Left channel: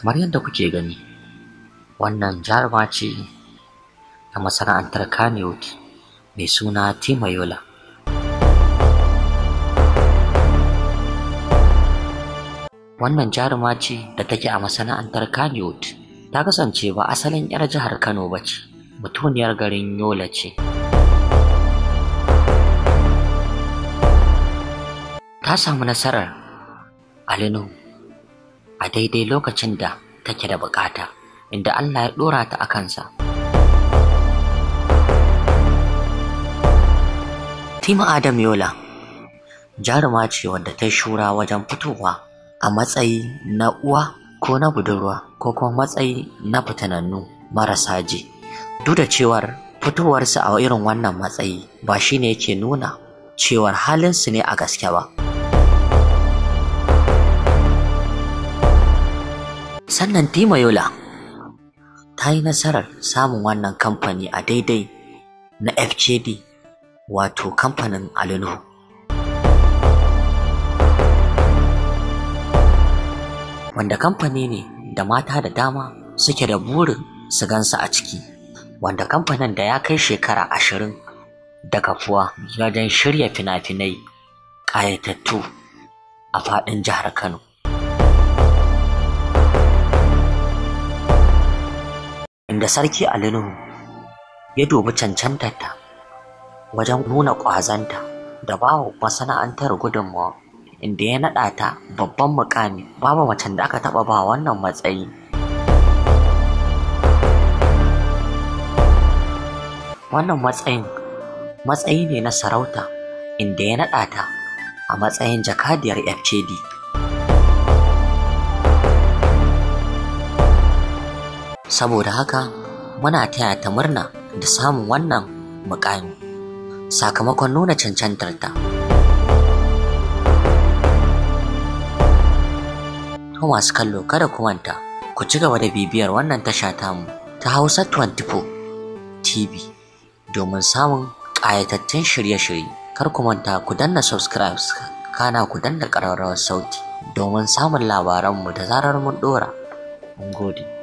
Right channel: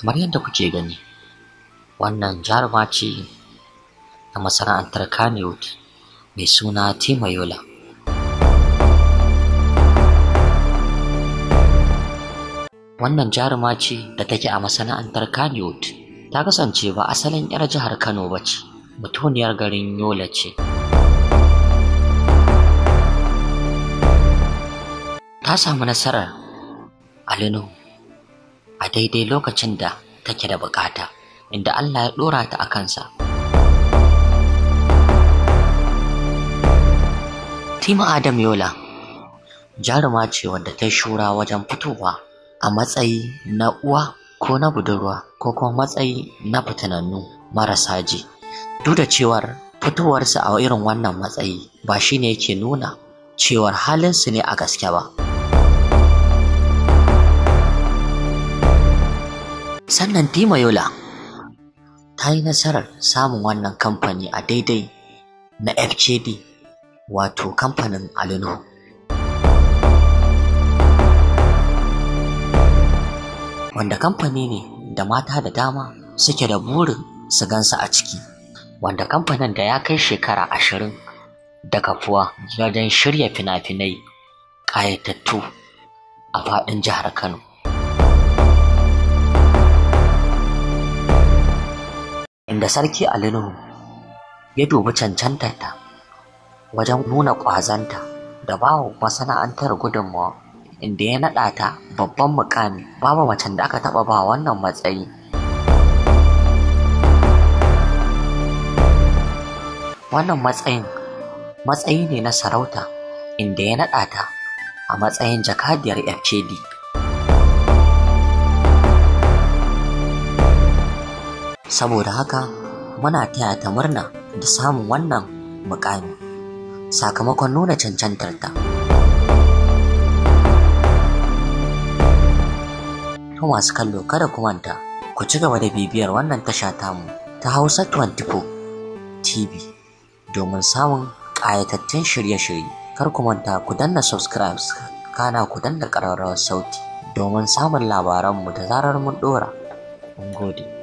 Kamar yadda kuke gani, wannan jaruma ce ta masana'antar Kannywood mai suna Timayola. Wannan jaruma ce da take a masana'antar Kannywood. Ta kasance ba asalin 'yar jihar Kano ba ce, mutuniyar garin Yola ce. Ta samu nasarar alinu a daidai lokacin da take da bukata, inda Allah ya dora ta a kansa. Tima Adam Yola jaruma ce wanda ta shura wajen fitowa a matsayi na uwa ko na budurwa ko kuma matsayi na fitanannu marasa ji. Duk da cewar fitowarsu a irin wannan matsayi ba shine yake nuna cewar halinsu ne a gaske ba. Sannan Timayola ta yi nasarar samun wannan kamfani a daidai na FKD, wato kamfanin Alinu. Wanda kamfani ne da mata da dama suke da burin su gansa a ciki, wanda kamfanin da ya kai shekara 20 da kafuwa wajen shirya fina-finai ƙayatattu a faɗin jihar Kano. Inda Sarki Alinu ya dubi cancantarta wajen nuna ƙwazonta da bawa masana'antar gudunmawa, inda ya naɗa ta babban mukami. Babu macen da aka taɓa ba wannan matsayi. Wannan matsayi ne na sarauta, inda ya naɗa ta a matsayin jakadiyar FKD. Saboda haka muna taya ta murna da samun wannan mukami sakamakon nuna cancantarta. To masu kallo, kada ku manta ku ci gaba da bibiyar wannan tasha tamu ta Hausa 24 TV domin samun ƙayatattun shirye-shirye. Kar ku manta ku danna subscribe, kana ku danna ƙararrawar sauti domin samun labaranmu da zarar mun ɗora. Mun gode.